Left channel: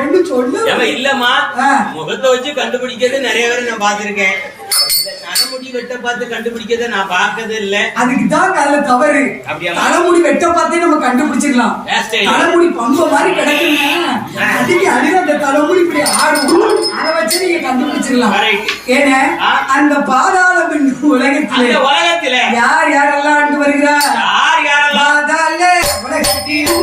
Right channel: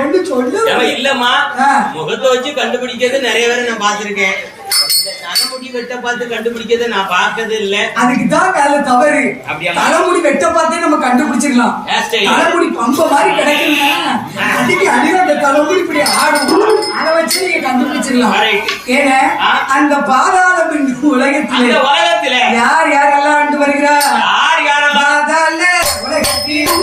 ஒண்ணு சொல்லு. இல்லம்மா, முகத்தை வச்சு கண்டுபிடிக்கிறது நிறைய பேரை நான் பாத்திருக்கேன். தலைமுடி வெட்ட பார்த்து கண்டுபிடிக்கிறத நான் பார்த்தது இல்ல. அதுக்குதான் அதுல தவறு. தலைமுடி வெட்ட பார்த்தே நம்ம கண்டுபிடிச்சிடலாம். தலைமுடி பம்ப மாதிரி கிடைக்குங்க, அதுக்கு அடிதான் அந்த தலைமுடி இப்படி ஆடும், அதை வச்சு நீங்க கண்டுபிடிச்சிடலாம். ஏன்னா அந்த பாதாள உலகத்தில யார் யாரெல்லாம் ஆண்டு வருகிறார்? பாதாள உலகத்தில்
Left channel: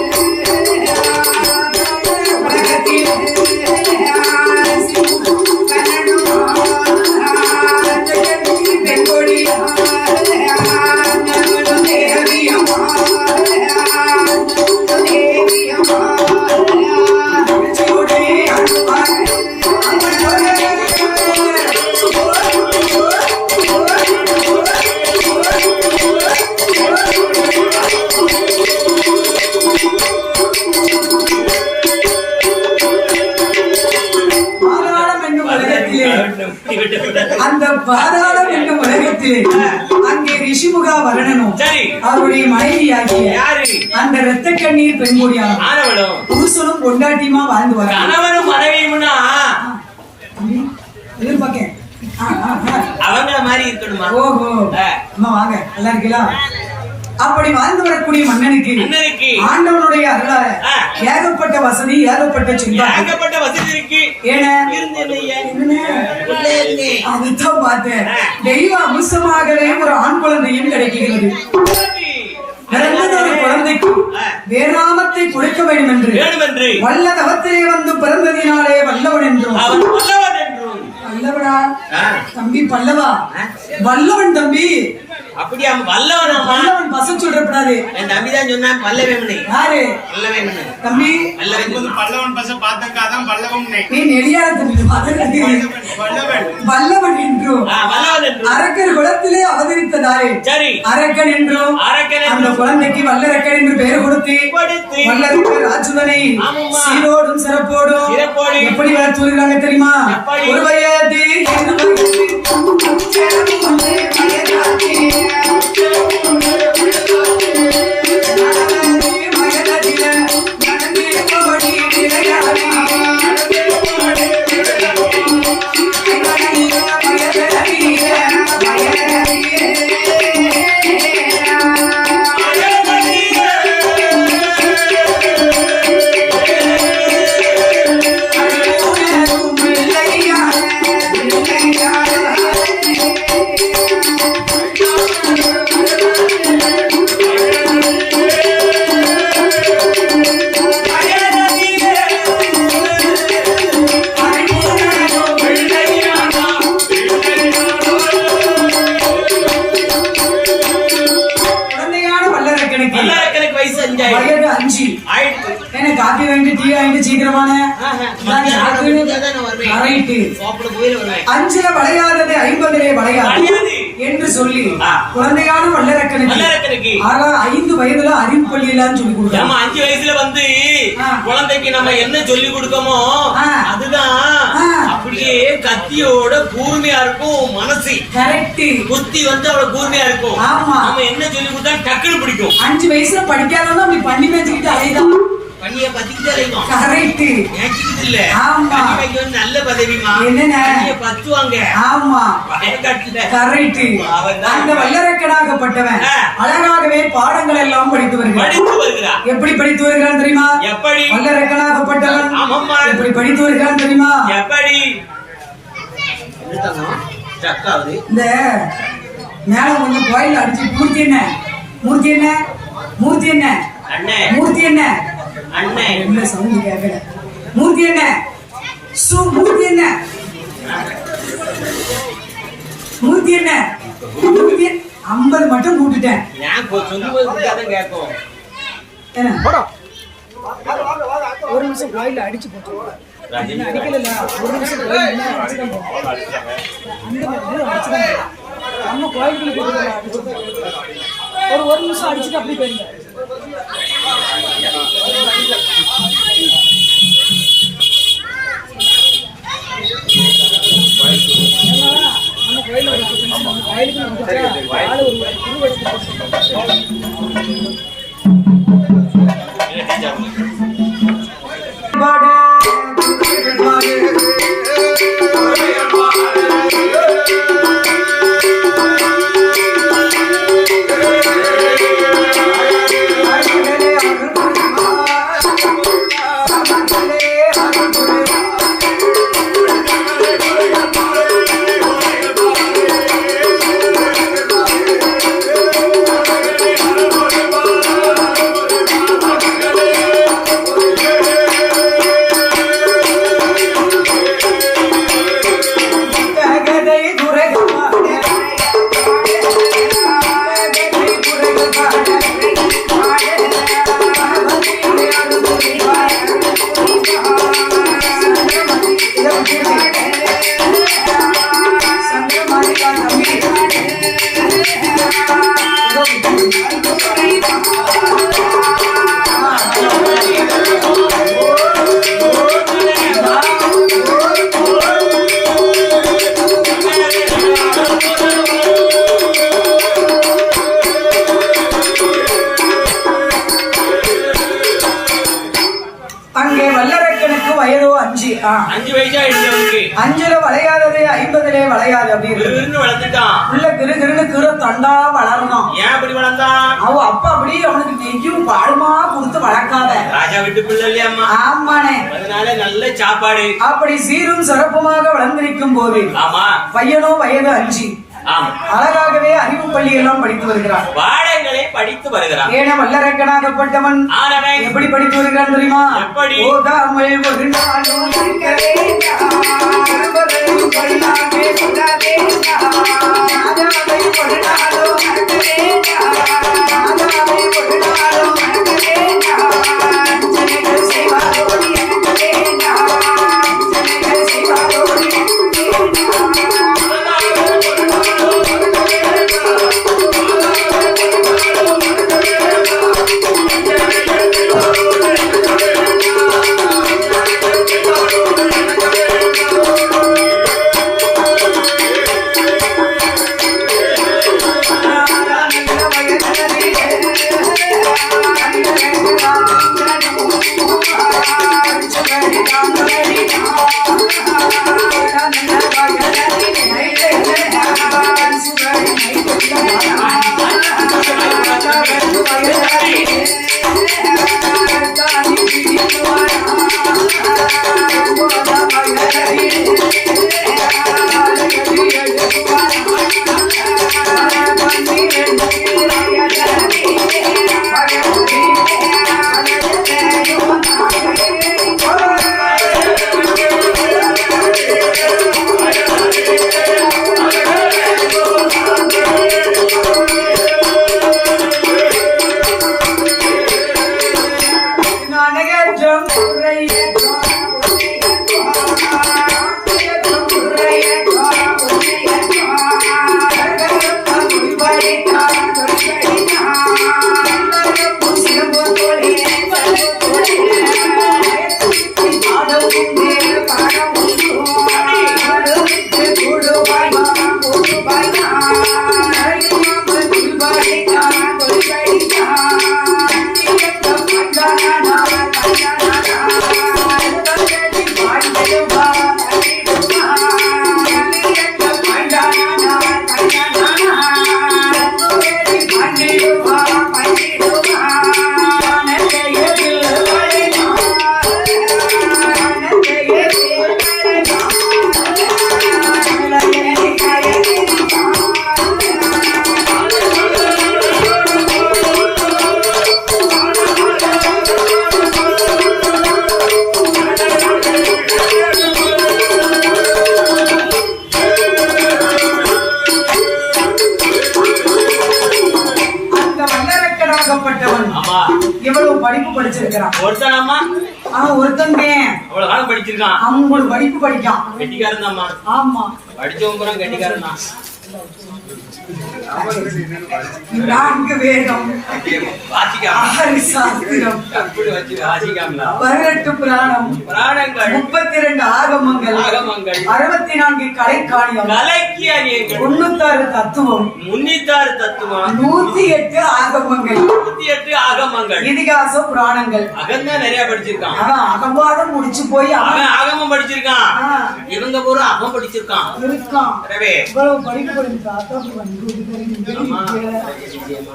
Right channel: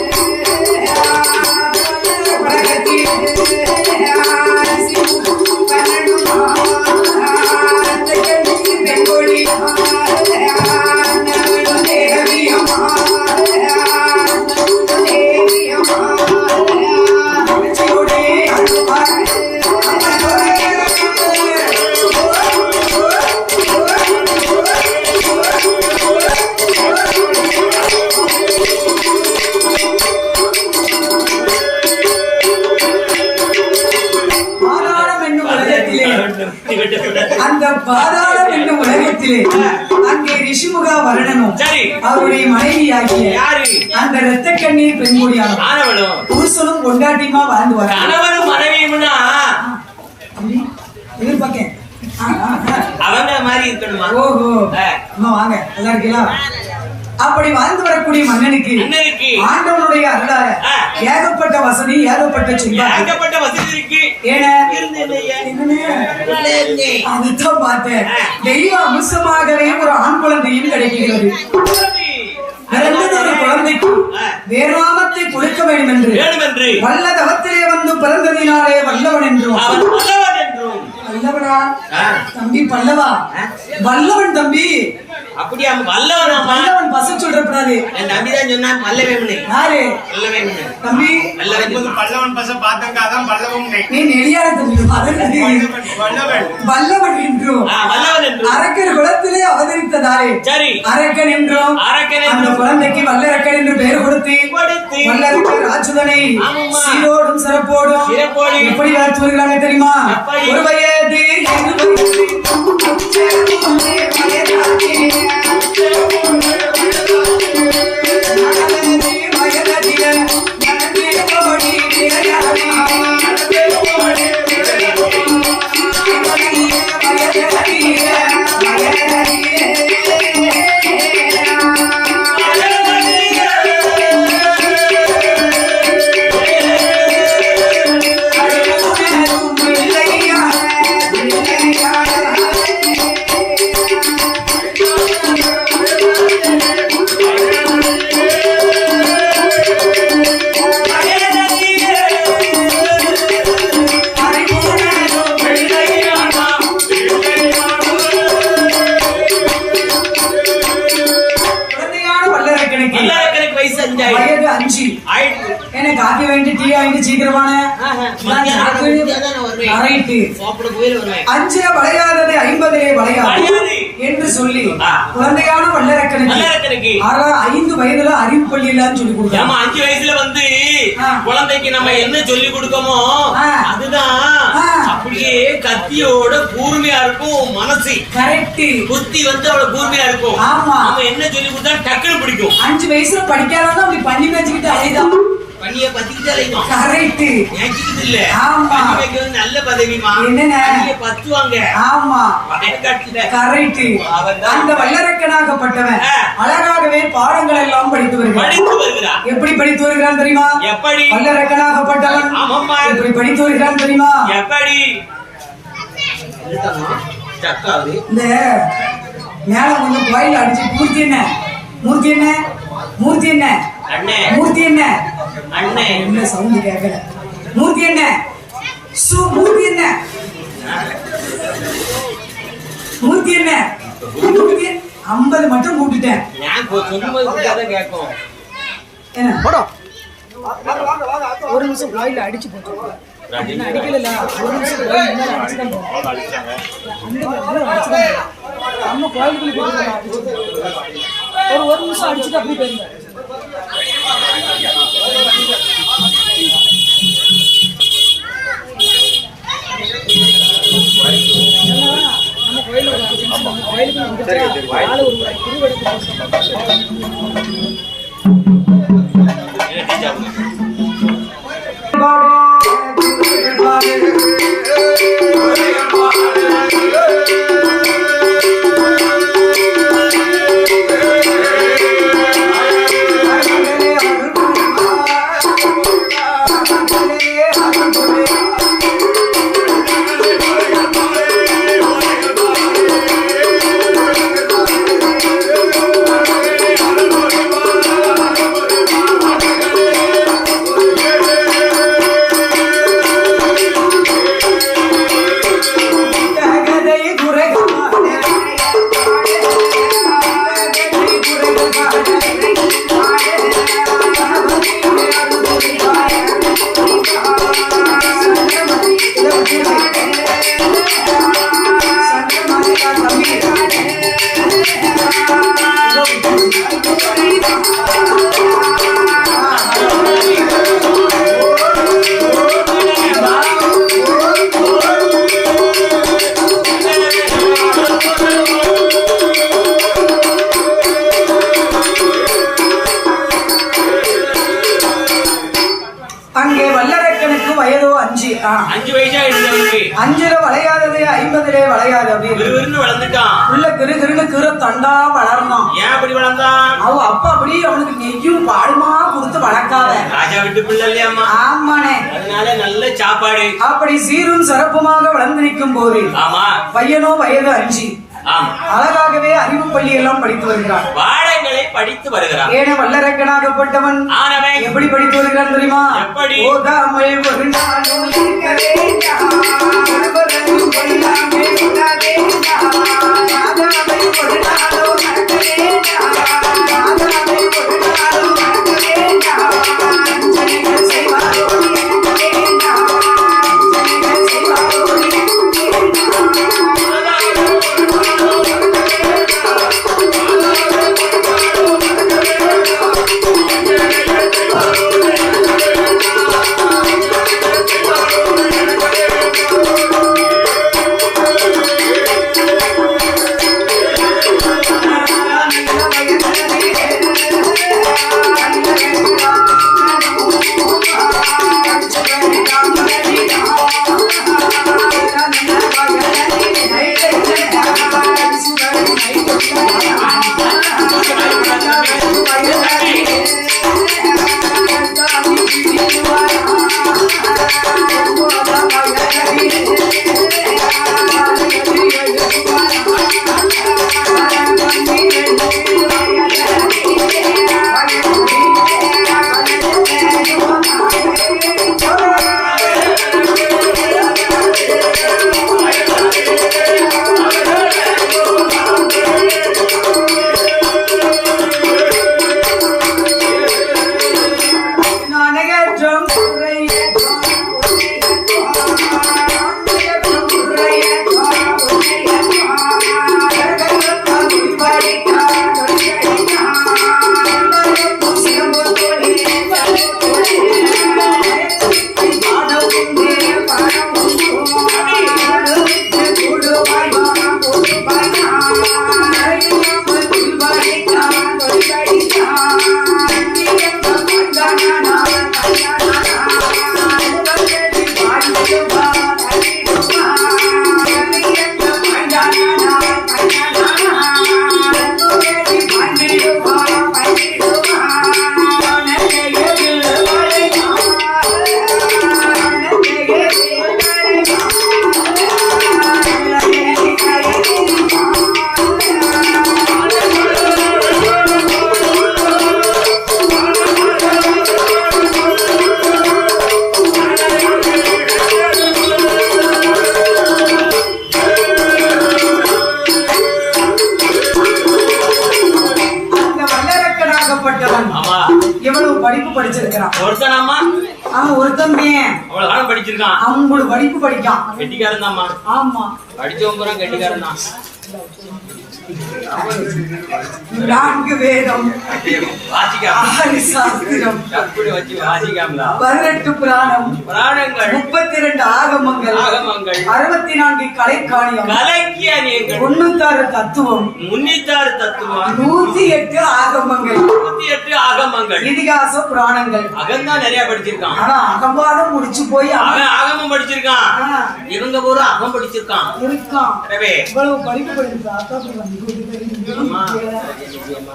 அந்த பாதாளம் என்னும் உலகத்திலே அங்கே ரிஷிமுகா வரணனும் அவருடைய மனைவியாகிய அந்த இரத்த கண்ணீர் பெண்கொடியான புருஷனும் கொண்டாட்டியுமா வாழ்ந்து வர மனைவியும்னா எதிர்பார்க்க அவங்க மாதிரி இருக்கணுமா? ஓஹோ, அம்மா வாங்க, நல்லா இருக்கீங்களா? அப்படி வாழ்ந்து வரக்கூடிய மன்னனுக்கு ஆண்டவனுடைய அருளால ஏகப்பட்ட வசதி, ஏகப்பட்ட செல்வம், ஏகப்பட்ட வசதி இருக்கு. அதுதான் பார்த்தேன். தெய்வ அம்சமாகவே ஒரு ஆண் குழந்தையும் கிடைக்கிறது. குழந்தைக்கு வேறாமத்தை கொடுக்க வேண்டும் என்று வல்ல தவத்திலே வந்து பிறந்ததினாலே வல்லவன் என்றும். வல்லவனா தம்பி? பல்லவா வல்லவன் தம்பி. அப்படியா? வல்லவன் வல்லவன் பசங்க சொல்றப்படாது. என் தம்பி தான் சொன்னா வல்லவேமனை. யாரு? வல்லவேமனை தம்பி. பல்லவன் பச பார்த்தக்காதான் வல்லவன். நீ நெடியார தம்பி. வல்லவன் என்றும் அரக்கர் குலத்திலே அவதரித்ததாலே அரக்கன் என்றும் அந்த குழந்தைக்கு வல்லரக்கன் என்று பெயர் கொடுத்து வல்லரக்கர் ராஜுதனை சீரோடும் சிறப்போடும் எப்படி வளர்த்து வருகிறாங்க தெரியுமா? ஒரு வயது வயது 5 எனக்கு காப்பி வேண்டி டீ ஆயிட்டு சீக்கிரமான 5 வளையாதது 50 வளையாது என்று சொல்லி குழந்தையான வல்லரக்கனுக்கு 5 வயதுல அறிவு பள்ளியிலான்னு சொல்லி கொடுத்தாங்க. 5 வயசுல வந்து குழந்தைக்கு நம்ம என்ன சொல்லி கொடுக்கமோ அதுதான் அப்படியே கத்தியோட கூர்மையா இருக்கும். மனசு கரெக்ட், புத்தி வந்து அவ்வளவு கூர்மையா இருக்கும். ஆமா, நம்ம என்ன சொல்லி கொடுத்தா டக்குனு பிடிக்கும். 5 வயசுல படிக்காதவனா அப்படி பண்ணி வச்சுக்கிட்டு அலைதான். பண்ணிய பத்திக்கிட்டு அலைக்கும். கரெக்ட், ஏக்கிட்டு இல்ல. ஆமா, இது நல்ல பதவிமா. என்னன்னா பண்ணிய பத்துவாங்க. ஆமா, கரெக்ட். அந்த வல்லரக்கனாகப்பட்டவன் அழகாகவே பாடங்கள் எல்லாம் படித்து வருகிறான். எப்படி படித்து வருகிறான் தெரியுமா? எப்படி? வல்லரக்கனாகப்பட்டவன் எப்படி படித்து வருகிறான் தெரியுமா? எப்படி? இந்த மேல கொஞ்சம் கோயில் அடிச்சு மூர்த்தி என்ன மூர்த்தி என்ன மூர்த்தி என்ன மூர்த்தி என்ன என்ன சவுண்ட் கேட்கல. மூர்த்தி என்ன மூர்த்தி என்ன மூர்த்தி என்ன மூர்த்தி 50 மட்டும் கூட்டுட்டேன். ஒரு நிமிஷம் கோயில அடிச்சு போட்டு அடிக்கல. ஒரு நிமிஷம் கோயில் அடிச்சுதான் போகும். அந்த அடிச்சுதான் நம்ம கோயிலுக்குள்ள அடிச்சு ஒரு நிமிஷம் அடிச்சுட்டு அப்படி போயிருங்க. நம்ம கோயிலுக்கு நம்ம கோயிலுக்கு வந்துட்டா ஆளு ஒரு திருவடத்தை அங்கே வல்லரக்கனுக்கு வயதோ 5. 5 வயசா இருந்தவனுக்கு 5ல வளையாதது 50லே வளையாது அப்படின்னு வளர்ந்துட்டான். உள்ள கிரு கிரு தண்டா வளரணும். ஏன் அப்படி வளர்ந்தான்? அவ அப்பா அப்படி அவனுக்கு நெய்யும் பாடுமா கொடுத்து வளர்க்காத. ராஜா வீட்டு பிள்ளை இல்லையாம்மா? ஆமானே. அதனால நல்ல சாப்பாடு. அப்படி சீரும் சிறப்புமாக வளர்ந்திருக்கும் போது ஆமா பையனோ வயது 5. ஆமா அழகாகவே அறிவு பள்ளி எல்லாம் படித்து வருகிறான். பாடங்களை படித்து வருகிறான். ஏன வல்லரக்கனாகப்பட்டவன் ஆனவன் எப்படி படித்து வருகிறான் தெரியுமா? எப்படி? ஓதாமல் ஒரு நாளும் இருக்க வேண்டாம். ஒருவரையும் கொள்ளாமே சுட வேண்டாம். ராஜாவை ஒரு நாளும் மறக்க வேண்டாம். ராஜாவை ஒரு நாளும் மறக்க வேண்டாம். அஞ்சனைகள் செய்வாரோ எனக்கு வேண்டாம். அஞ்சனைகள் செய்வாரோ எனக்கு வேண்டாம். எவ்வளவு படிப்பு படிச்சிருக்கிறான் ஒருத்தனாமா? ஒருத்தன் அவ்வளவு காலம் படிச்சிருக்கான். அவங்களோட படிப்பு படிக்கான். கெட்டிக்காரன் தாமா? ஆமா, படிச்சவங்க பூரா கெட்டிக்காரன் தான். 4 வேதம், வாசிக்காம 6 சாஸ்திரம், கற்பூர வச்சு வாசிக்காம 18 புராணம், புராணங்கள், 32 ஆகமங்கள், 64 கலைக்காணியம், 96 தத்துவம், 96 தத்துவம், 108 ஆகமங்கள், 108 ஆகமங்கள், இதிகாச புராணங்கள். அகம்தான் நிறைய படிச்சிருக்கான். ஆனா அகம்பாதம் முடிச்சு போய் அவன் ஆகமம் படிச்சிருக்கான். இவங்க பூரா அகம் படிச்சிருக்கான். இருக்கான். இவ்வளவு படிப்பு படிச்சிருக்கான்.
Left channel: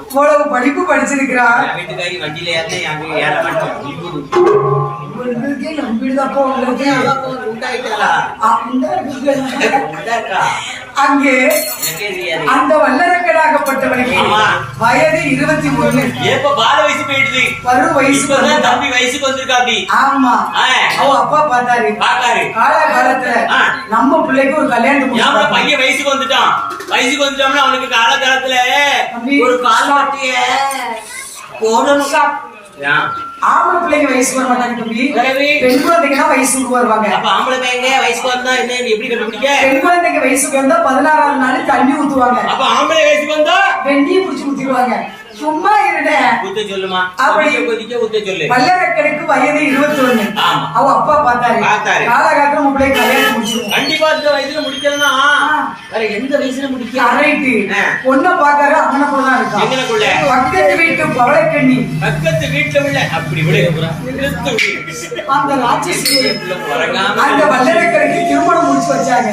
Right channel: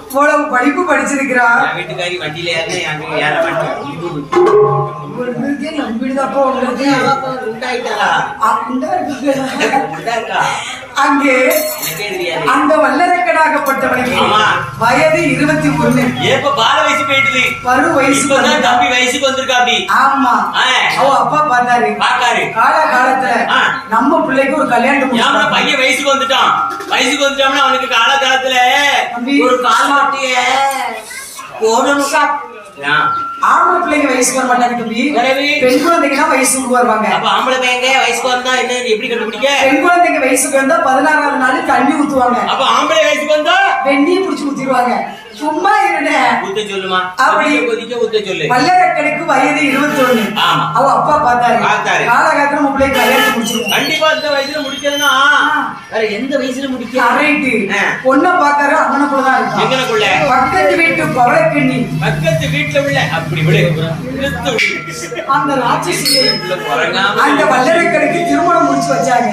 இவ்வளவு படிப்பு படிச்சிருக்கிறார். வீட்டுக்காரி வண்டியில ஏற அங்கே அந்த வல்லரக்கனாகப்பட்டவனுக்கு வயது 21. எப்ப பால வயசு போயிடுது, பரு வயசு தம்பி வயசுக்கு வந்திருக்கா. அப்படி ஆமா, அவ அப்பா பார்த்தாரு. காலத்துல நம்ம பிள்ளைக்கு ஒரு கல்யாணம், பையன் வயசுக்கு வந்துட்டான். வயசுக்கு வந்துட்டோம்னா அவனுக்கு காலகாலத்துல ஒரு கால்வாட்டிய போடணும். ஆம்பளை பிள்ளைங்க வயசுக்கு வர மாட்டாங்க தம்பி. பெண் குழந்தைங்க தான் வயசுக்கு வருவாங்க. அப்ப ஆம்பளை பையங்க வயசுக்கு வந்தா என்ன எப்படி கண்டுபிடிக்க? பெண் குழந்தைங்க வயசுக்கு வந்தா 16வது நாள் தண்ணி ஊத்துவாங்க. அப்ப ஆம்பளை வயசுக்கு வந்தா வெந்நியை புடிச்சு ஊத்திடுவாங்க. சும்மா இருட ஊத்த சொல்லுமா? அப்படி கொதிக்க ஊத்த சொல்லு. வல்லரக்கனுக்கு வயது 21. அவ அப்பா பார்த்தாரு. காலகாலத்துல உங்களை கல்யாணம் முடிச்சிருவோம். கண்டிப்பா இந்த வயசுல முடிக்கலன்னா வேற எந்த வயசுல முடிக்க? ரைட்டு. பொண்ணை பார்த்தாரு அங்கனக்குள்ளதான் இருக்கான். எங்கனக்குள்ள? பக்கத்து வீட்டு பவளக்கண்ணி. பக்கத்து வீட்டுல உள்ள அப்படி விடு. அந்த ராட்சசி அந்த வல்லரக்கனுக்கு திருமணம் முடிச்சு வச்சாங்க.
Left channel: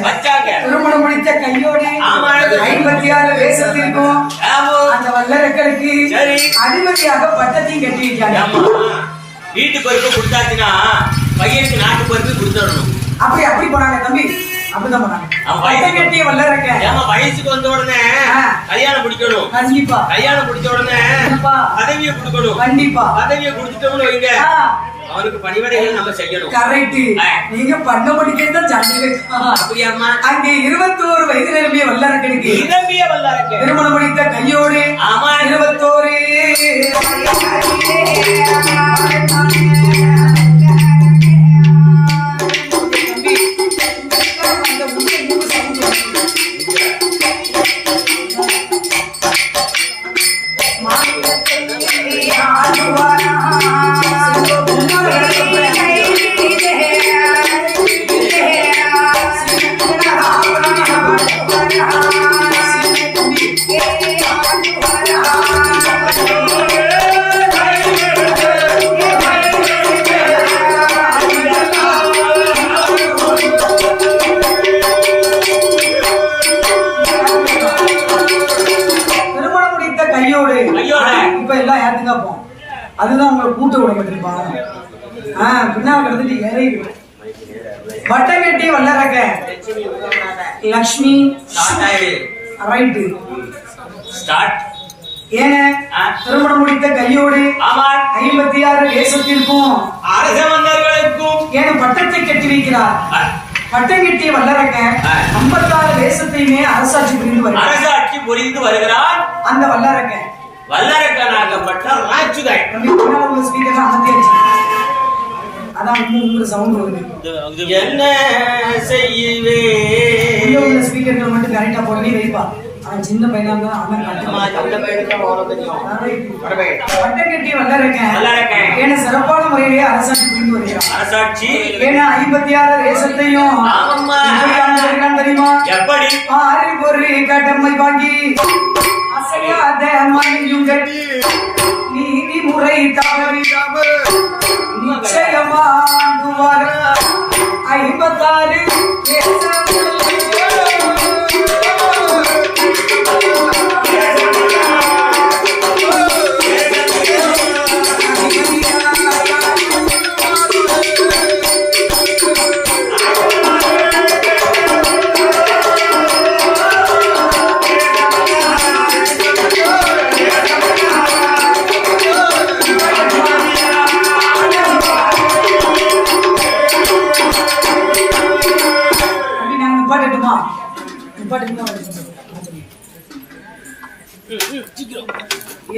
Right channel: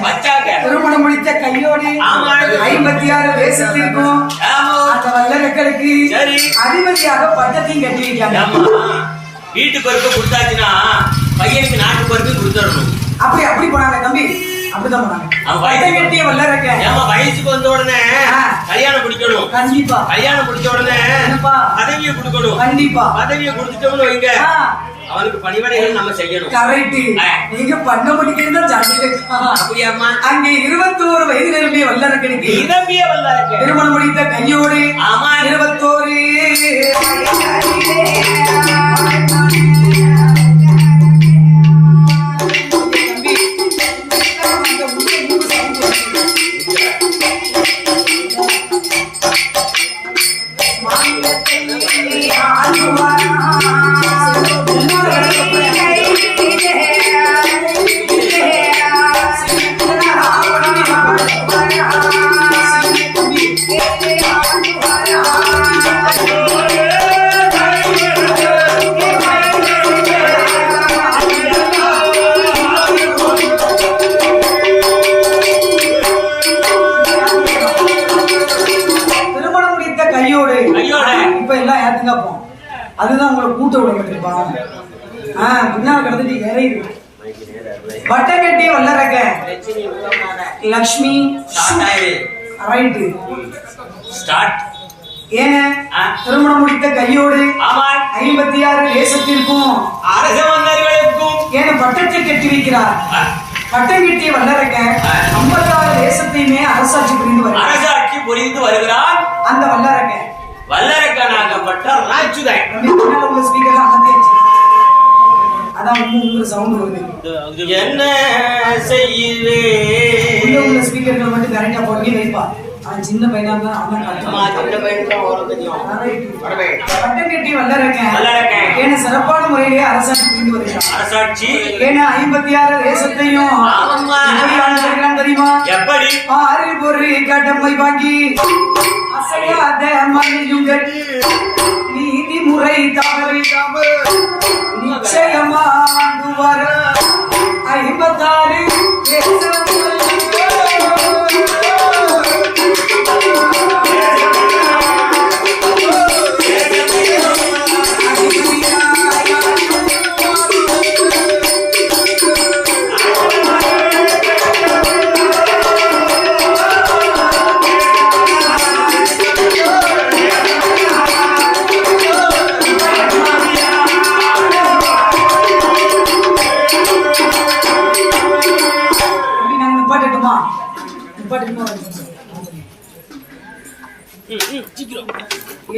திருமணம் முடித்த கையோடு 56 தேசத்திற்கும் அந்த வல்லரக்கனுக்கு அதிபதியாக பட்டத்தையும் கட்டி வைக்காங்க. வீட்டு பருப்பு கொடுத்தாச்சுன்னா பையனுக்கு நாட்டு பருப்பு கொடுத்துடணும். அப்படி போனாங்க தம்பி. அப்படிதான் போனாங்க. பட்டம் கட்டிய வல்லரக்க வயசுக்கு வந்த உடனே கல்யாணம் முடிக்கணும். கண்டிப்பா கல்யாணம் முடிச்ச உடனே பதவியை கொடுக்கணும். கண்டிப்பா பதவியை கொடுத்துட்டோம்னு வைங்க, அவனுக்கு பணிவடைகள் நம்ம செய்யணும். கரெக்ட். நீங்க பண்ண முடிக்கிறது அப்படியாமா? அங்கே 21 வயது நிரம்பிய வல்லரக்கனுக்கு திருமணம் முடித்த கையோடு 21 அதுதான் உங்களை கூட்ட விடப்பட்டிருப்பான். பின்னால் கிடந்துட்டு இறைவு வட்டம் கட்டிய வல்லரக்க லக்ஷ்மி ரைட்டு ஸ்டார்ட். ஏங்க திருமணம் முடித்த கையோடு 56 தேசத்திற்கும் அரச மன்னர்களுக்கும் ஏன பட்டத்தை கட்டி வைக்கிறார். பட்டம் கட்டிய வல்லரக்க 56 தேசத்தையுமே அரசாட்சி புரிந்து வருகிறார். அந்த வல்லரக்கனாகப்பட்ட ராஜுதை உங்க ஸ்பீக்கர்ல அமர்த்தியாச்சு. அதான் உங்க சவுண்ட் வருது. என்ன செய்வே உள்ள ஸ்பீக்கர்ல மட்டும் கரெக்டா போட்டு வைப்பா. அவன் சின்ன பையனா இருந்தா அவன் பட்டம் கட்டி வல்லரக்க ஏன்னா சிறப்பான முறையிலேயே அரசாட்சி புரிந்து வருகிறான். அரசாட்சி ஏன்னா 56 தேசத்தையும் தெரியுமா? எப்படி? ஆறு பொரு கடமை வாங்கி அசையாத மணியுங்கள் நீதிமுறை தவறிடாமல் நிச்சயமாண்டு வர 56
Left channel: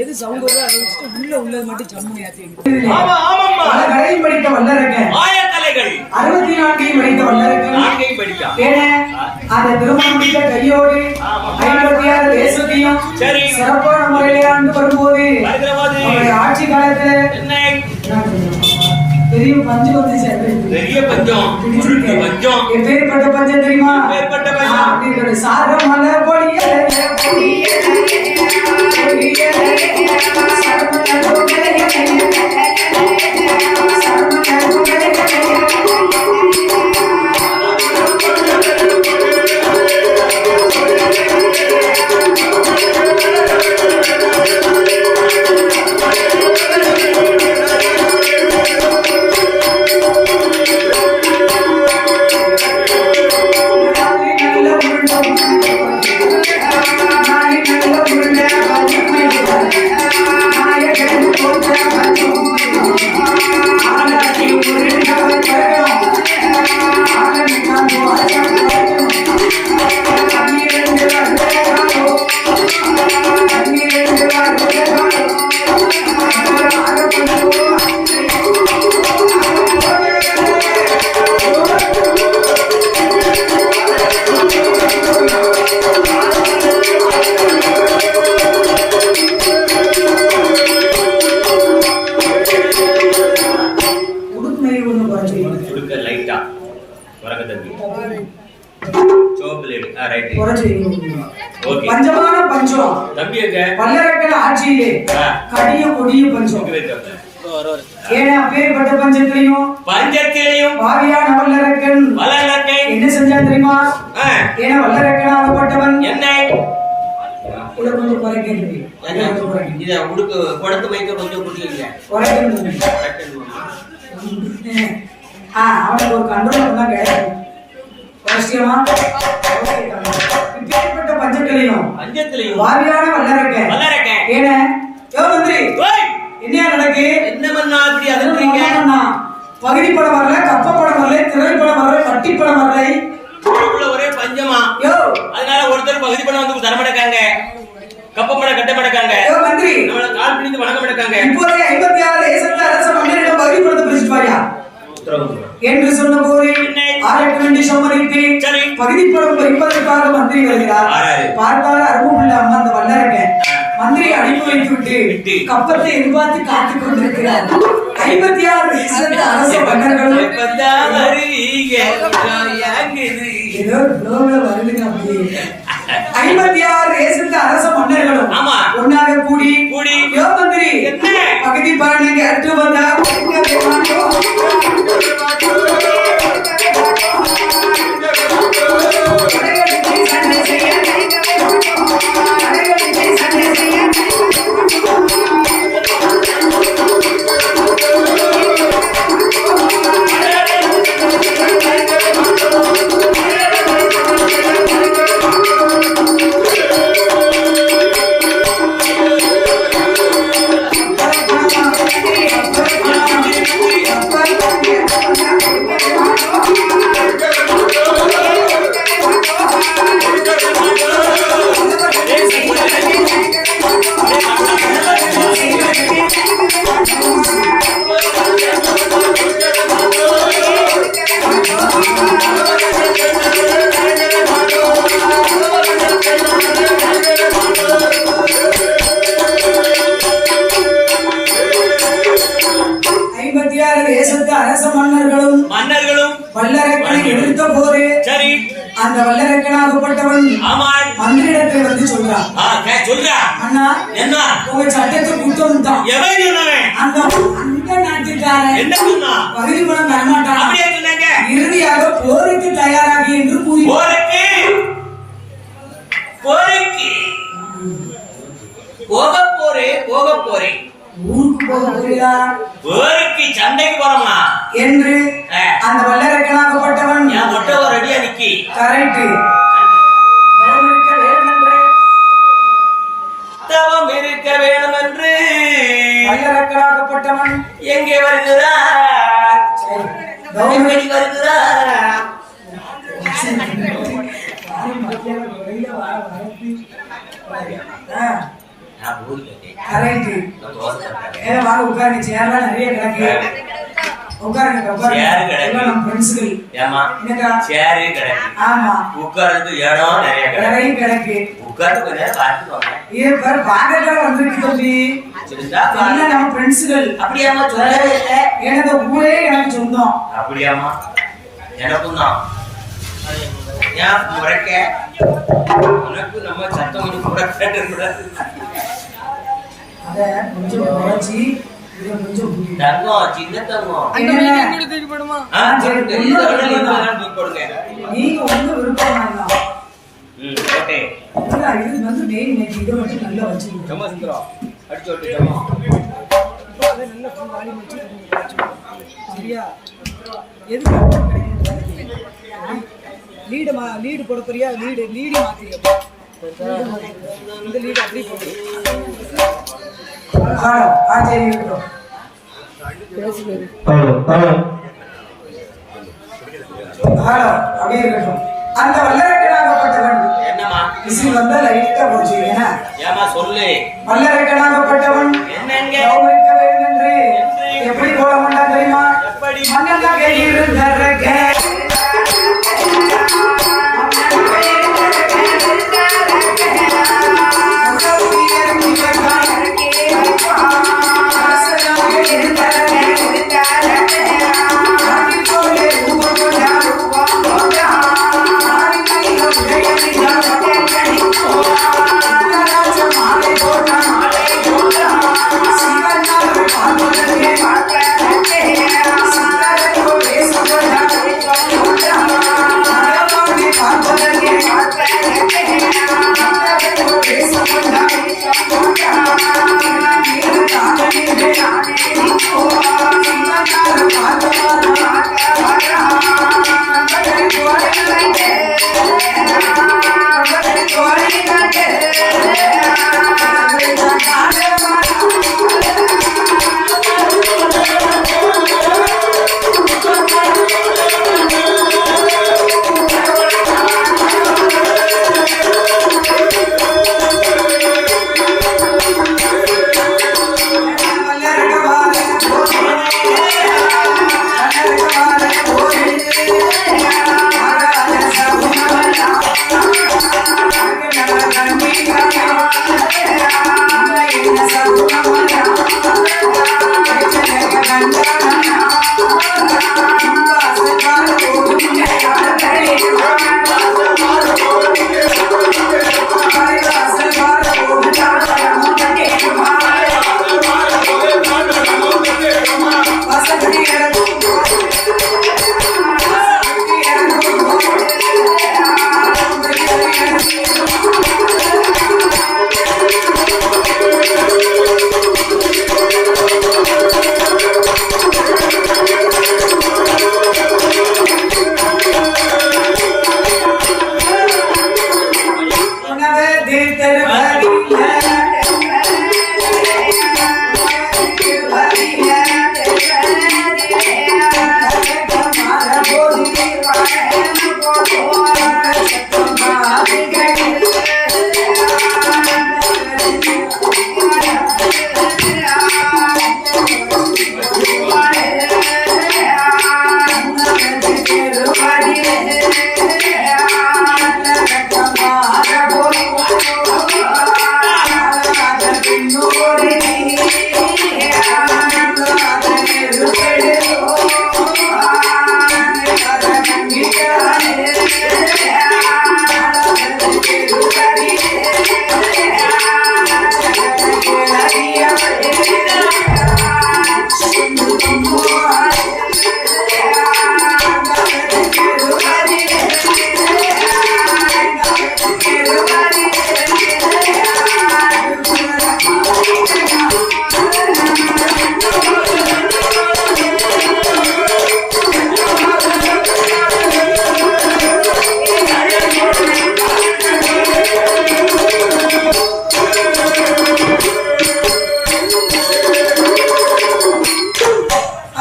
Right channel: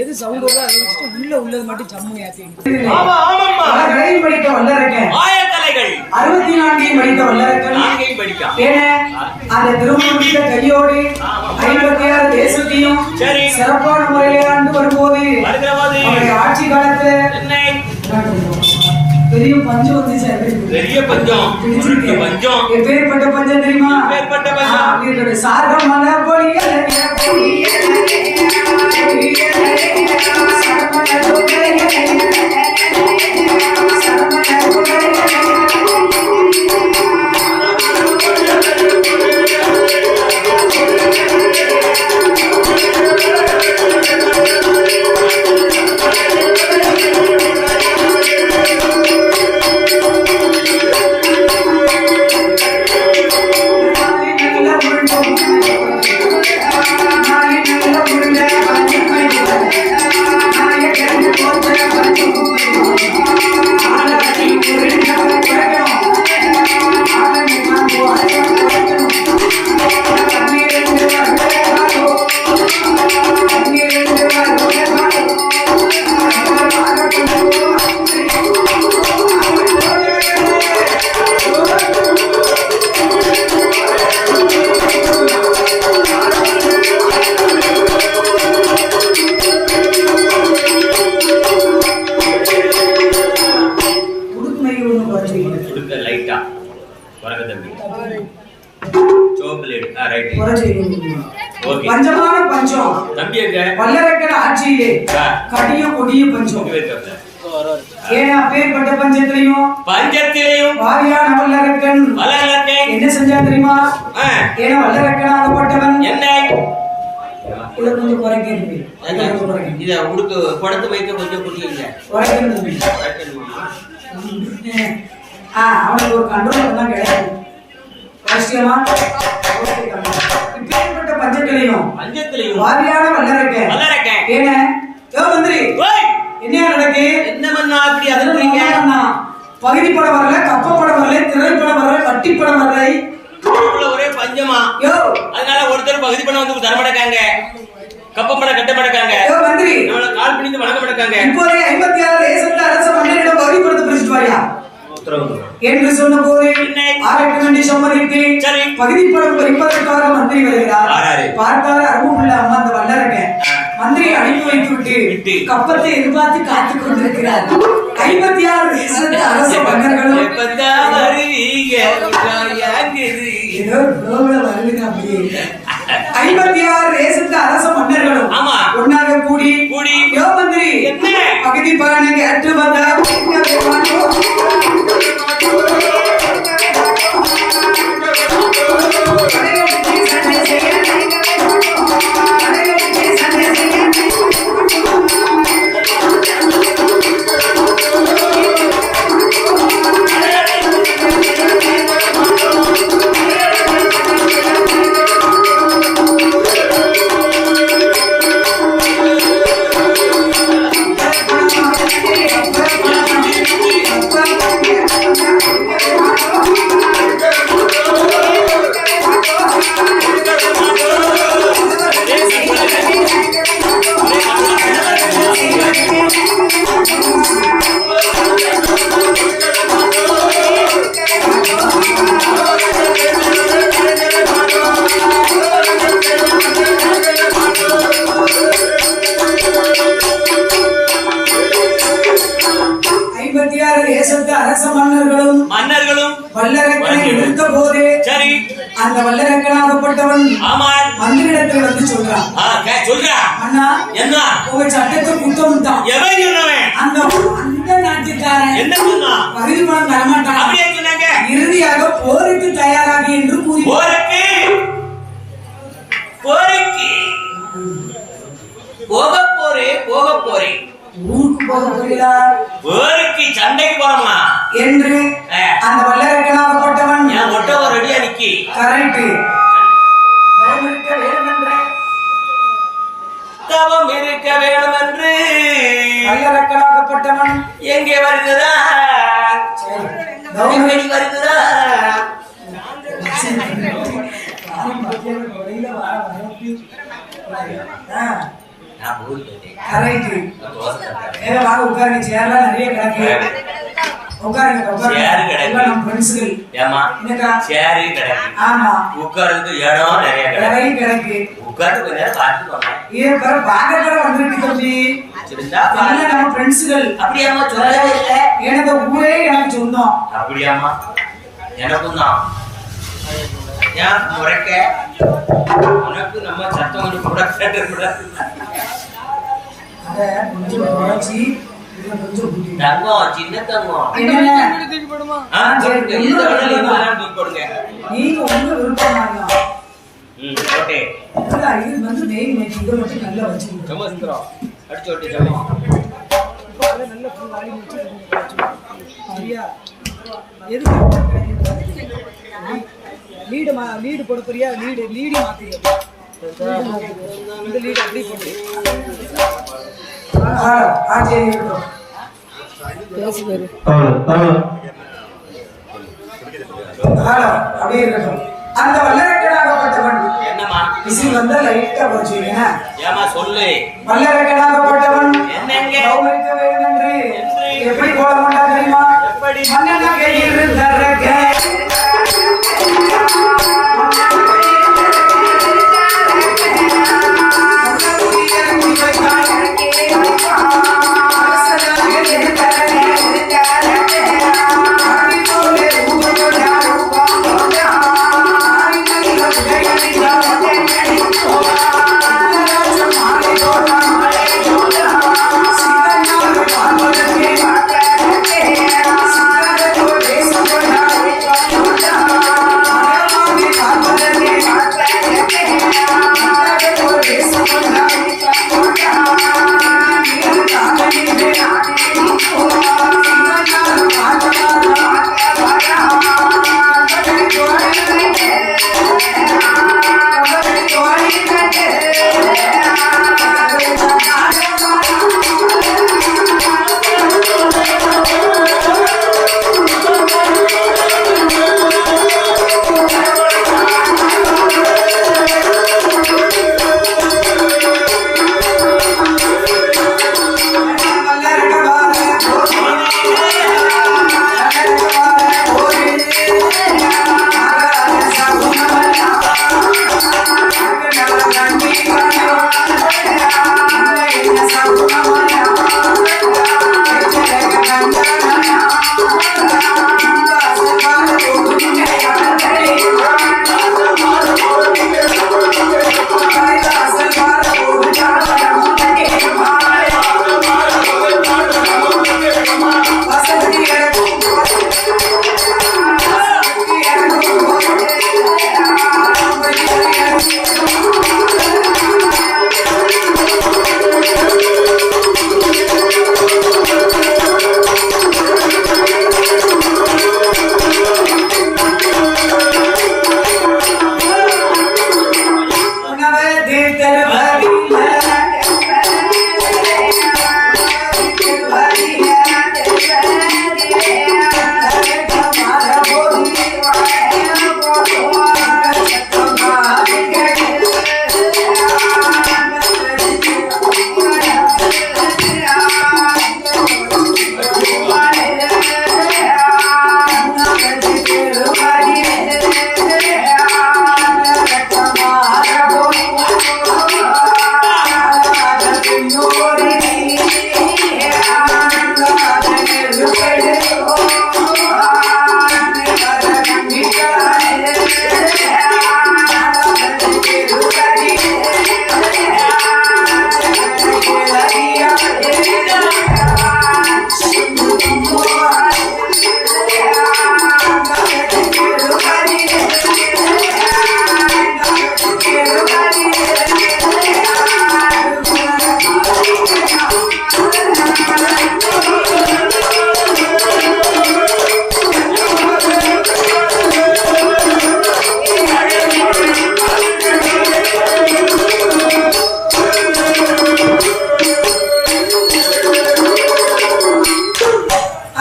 எது சவுண்ட் வருதோ அதை வச்சுட்டு உள்ளது மட்டும் ஜம்முன்னு ஏத்தி வைங்க. ஆமா ஆமாம்மா. கடையும் படித்த வல்லரக்க ஆயத்தலைகள் 64 படித்த வல்லரக்க 4 படித்தா. ஏன்னா அந்த திருமணம் முடித்த கையோடு 56 தேசத்தையும் சிறப்பான முறையிலே ஆண்டு வரும்போது அவருடைய ஆட்சி காலத்துல பெரிய பஞ்சம் வந்துச்சு. பெரிய பஞ்சம் பஞ்சம் எப்பேற்பட்ட பஞ்சம் தெரியுமா? எப்பேற்பட்ட பஞ்சம்? சாரமல பொழிய நல்ல வரங்க தம்பி சோப்லேட் ரைட் ஓகே பஞ்சமான பஞ்சம் தம்பி எங்க வல்லரக்கன் ஆட்சியிலே கடிய கொடிய பஞ்சம் ஏன்னா பேர்பட்ட பஞ்சத்திலையும் பாவியான வல்லரக்கன் என்ன செஞ்சா தெரியுமா? ஏன்னா வல்லரக்கன் ஆகப்பட்டவன் என்ன இதை கொஞ்சம் குறைக்கிறது இத உடுக்கு குடத்து மைக்க கொஞ்சம் குடிக்கல குறைக்கிறது அவனுக்கு ஒரு கண்ட்ரோல் தான் கிடையாது. அவசியமா இப்பேற்பட்ட பஞ்சத்திலையும் பாவியான வல்லரக்கன் ஏன்னா மந்திரி என்னையா நடக்கு? என்ன பண்ணா அப்படி அதன்றீங்க? பகுதி படம் வரல, கப்ப படம் வரல, திரைப்படம் வரல, கட்டி படம் வரல, ஒரே பஞ்சமா யோ. அதனால ஒருத்தர் பகுதி படம் வந்து தர மாட்டாங்க, கப்ப படம் கட்ட மாட்டாங்க. யோ மந்திரி அவளை கால் பிடித்து வணங்க மாட்டாங்க. இப்போதே 56 தேசத்து அரச மன்னரிடம் பகுதி படத்தை பிரிச்சுட்டு வாயா என்று சொன்ன போது ஆரட்ட வேண்டி சம்மதித்து பகுதி படம் பறிப்பதற்காக மந்திரி வருகிறார். பார்த்தாரு அரும்புள்ள அம்மா அந்த வல்லரக்கன் மந்திரி அனுப்பி வைத்து விட்டு கப்பத்தை எதிர்பார்த்து காத்துக் கொண்டிருக்கிறார். 56 தேசத்து அரச மன்னர்களும் ஏதோ வருதுங்க அப்படி 56 தேசத்து அரச மன்னர்களும் ஒன்னாக கூடி யோ மந்திரி பகுதி பலனை கேட்டு வந்தா மன்னர்களும் வல்லரக்கனை எதிர்த்த போது அந்த வல்லரக்கனாகப்பட்டவன் மந்திரிடத்தில் வந்து சொல்றான், அண்ணா உங்க சட்டத்தை குற்றம் தான் அந்த நாட்டுக்காரன் பகுதி பணம் தரமாட்டான், இறுதியாக போருக்கு தயாராகி என்று கூறி போக போறேன் ஊருக்கு போக போகிறா ஊருக்கு சண்டைக்கு போறோமா என்று அந்த வல்லரக்கனாகப்பட்டவன் ஒட்டவர் ரெடியா நிக்கி கரெக்ட் தவம் இருக்க வேணும் என்று வல்லரக்கனாகப்பட்டவன் எங்கே வருகிறார்? கௌரவடி வருகிறார். உட்காருங்க சேர்லாம் நிறைய கிடக்கு உட்காருங்க எல்லாம் நம்ம ஃப்ரெண்ட்ஸ்கள் ஆமா உட்கார்ந்து இடம் நிறைய கிடக்கு உட்கார்ந்து கொஞ்ச நேரம் பார்த்துக்கோங்க. பாக்கத்துல வந்துருக்கு தம்பி எல்லாம் நம்ம ஃப்ரெண்ட்ஸ்கள். அப்படியாமா சொல்லவே இல்லை, எனக்கு ஊரே எனக்கு சொந்தம். அப்படியாமா எனக்கும் தான். ஏன் முறைக்க உனக்கு நம்ம சத்தம் கூட கேட்டு அத கொஞ்சம் குறைச்சி கொஞ்சம் தங்கம் சின்ன தங்கம் நீங்க உங்க விருப்பம் ஓகே இது வந்து மெயின் மேக் இதை மட்டும் நல்லா வச்சு அடிச்சு விட்டு நல்ல ஃபுல் வால்யூம் வச்சு சரியா எதுக்கு லீடு போட போறியா லீடு மாத்திரியா இந்த லீடு அப்படி போட்டு பேசி பேரு அப்படியே இருக்கட்டும். அந்த வல்லரக்கனாகப்பட்டவன் இசில் வந்தா லைட்டா போச்சு. ஏமா சொல்லு. வல்லரக்கனாகப்பட்டவன் கௌரவிக்க வேண்டும் என்று எப்படி போட மாட்டா தெரியுமா? மன்னன் கையில்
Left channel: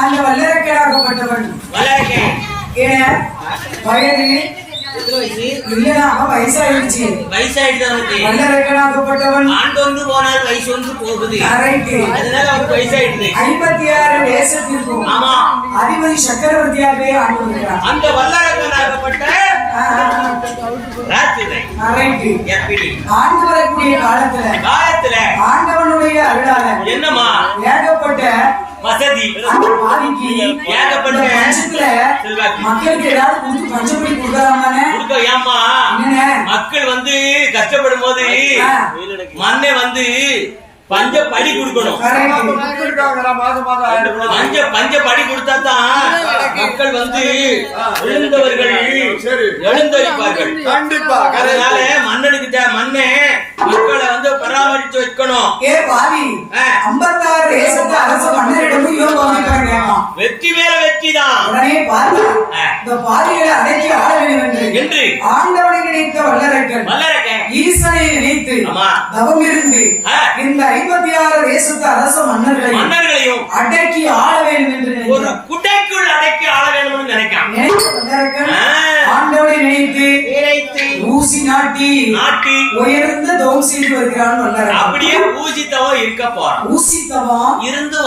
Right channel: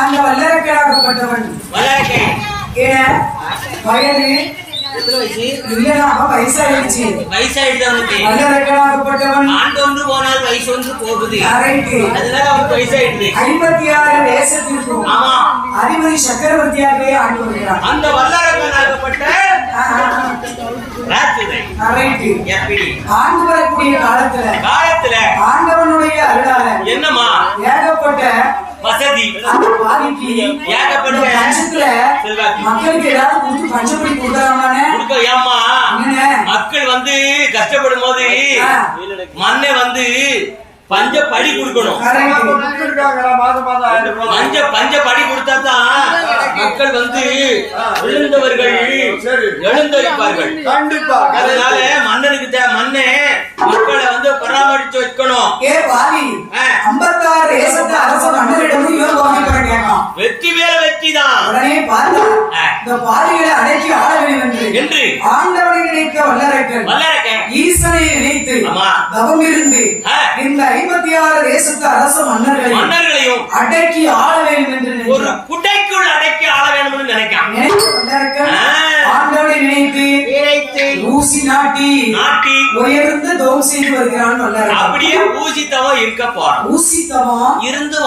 அந்த வல்லரக்கராகப்பட்டவன் ஏன் வயது இல்லடா வயசாயிடுச்சு. வல்லரக்கராகப்பட்டவன் ஆண்டு ஒன்று போனால் வயசு ஒன்று போகுது. கரெக்ட். அதனால அவருக்கு வயசாயிடுது. 56 தேசத்திற்கும் ஆமா அதிபதி சக்கரவர்த்தியாகவே ஆண்டு வருகிறார். அந்த வல்லரக்கனாகப்பட்ட ராஜ்யத்தை கரெக்ட். எப்படி ஆண்டு வரக்கூடிய காலத்துல ஆண்டவனுடைய அருளால என்னமா ஏகப்பட்ட வசதி அந்த பாதிக்கு ஏகப்பட்ட பட்சத்துல செல்வாக்கு மக்களுக்கு ஏதாவது கொடுத்து பஞ்சப்படி கொடுக்கலாமானே கொடுக்க ஏமா என்னண்ணே மக்கள் வந்து கஷ்டப்படும் போது மண்ணை வந்து பஞ்ச படி கொடுக்கணும். பஞ்ச படி கொடுத்தா தான் மக்கள் வந்து விழுந்தவர்கள் எழுந்தரிப்பார்கள். கண்டிப்பா. அதனால மன்னனுக்கு மண்ணே மக்களை வந்து பராமரிச்சு வைக்கணும். ஏ பாதி 56 தேசத்து அரச மன்னரிடமும் யோகம் கேட்கலாம். வெற்றி மேல வெற்றி தான். உடனே பாதி இந்த பாதிகளை அடக்கி ஆள வேண்டும் என்று ஆண்டவனை நினைத்த வல்லரக்கன் ஈசனை நினைத்து தவம் இருந்து இந்த 56 தேசத்து அரச மன்னர்களையும் அடக்கி ஆள வேண்டும் என்று ஒரு குட்டைக்குள் அடக்கி ஆள வேண்டும் என்று நினைக்கிறான். வல்லரக்கன் ஆண்டவனை நினைத்து ஊசி நாட்டி உயர்ந்த தவம் செய்து வருகிறான் வல்லரக்கன். அப்படியே ஊசி தவம் இருக்க போறான். ஊசி தவம் இருந்து